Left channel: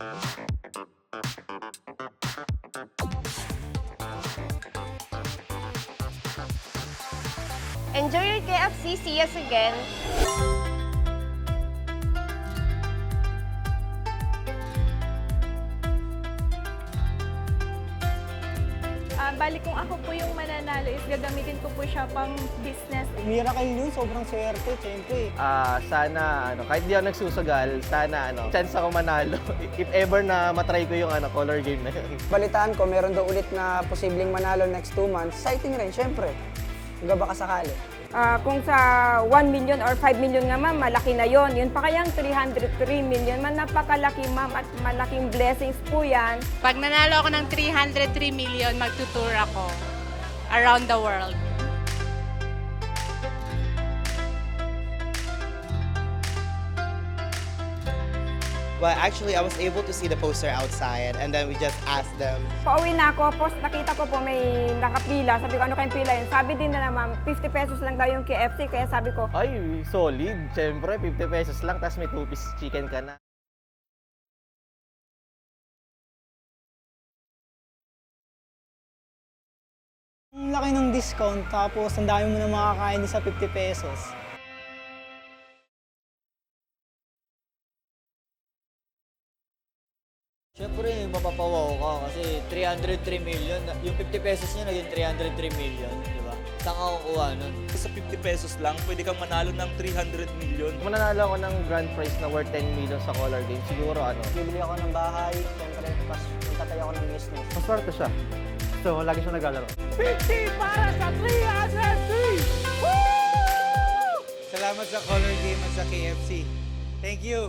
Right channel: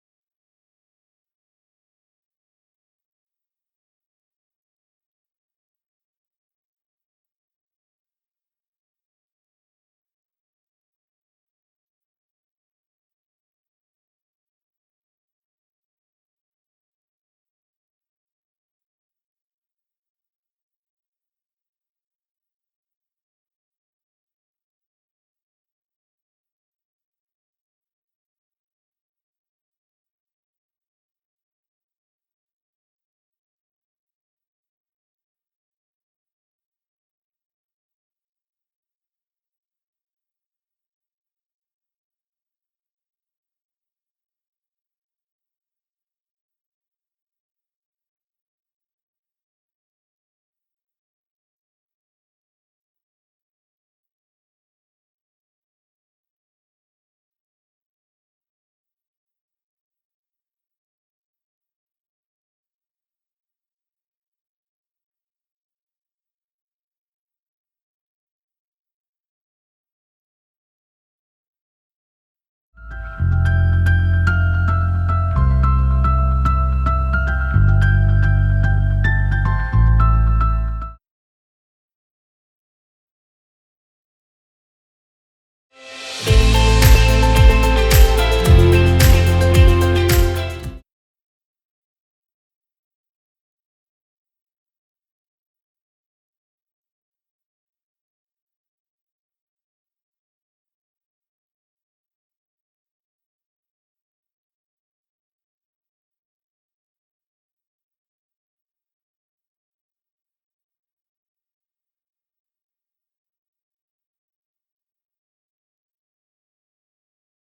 Enjoy your KFC. See us again. Bali kung ako po yung mananalo is gagamitin ko po siya pang business. Miracle yun, sobrang swerte, syempre. Sana kahit di ako nagsusugal, sana chance ako manalo. If ever na matry ko yung color game na yun. Balitaan ko, meron daw ulit na posibleng manalo next 2 months. Exciting rin, syempre. Hanggang baka sakali. Kung sa 1 million or 5 million nga ma'am, malaki na yon. Yun pa kayang 303 million, man napakalaki ma'am at malaking blessings po yan. Pag nanalo ako ng 303 million, magtutour ako around the world. Well, actually, I was able to see the poster outside, and then we just asked them. Pauwi na ako, post nakita ko po may nakapila. Sabi ko, ano kayong pila yun? Sabi din na ma'am, 50 pesos lang daw yung KFC. Kaya sabi ko, Ay, solid. Siyempre, 50 pesos lang, tapos may 2-piece chicken ka na. Ang laki ng discount, tapos ang dami mo na makakain sa 50 pesos. Siyempre, mapapawaw ka kasi 303 million, yung 50 pesos niya naging 303 million, di ba? Saan ka kukuha nun? Sa 50 pesos lang, pwede kang manalo ng 300 million. Kung mananalo ako ng grand prize na worth 10 million sa color game, siguro Bibili ako ng bahay, syempre, tapos magtatayo ako ng business. maswerte siya. So, lagi siya naglalaro. 50 para sa 303! Salamat sa color game at sa KFC. Thank you!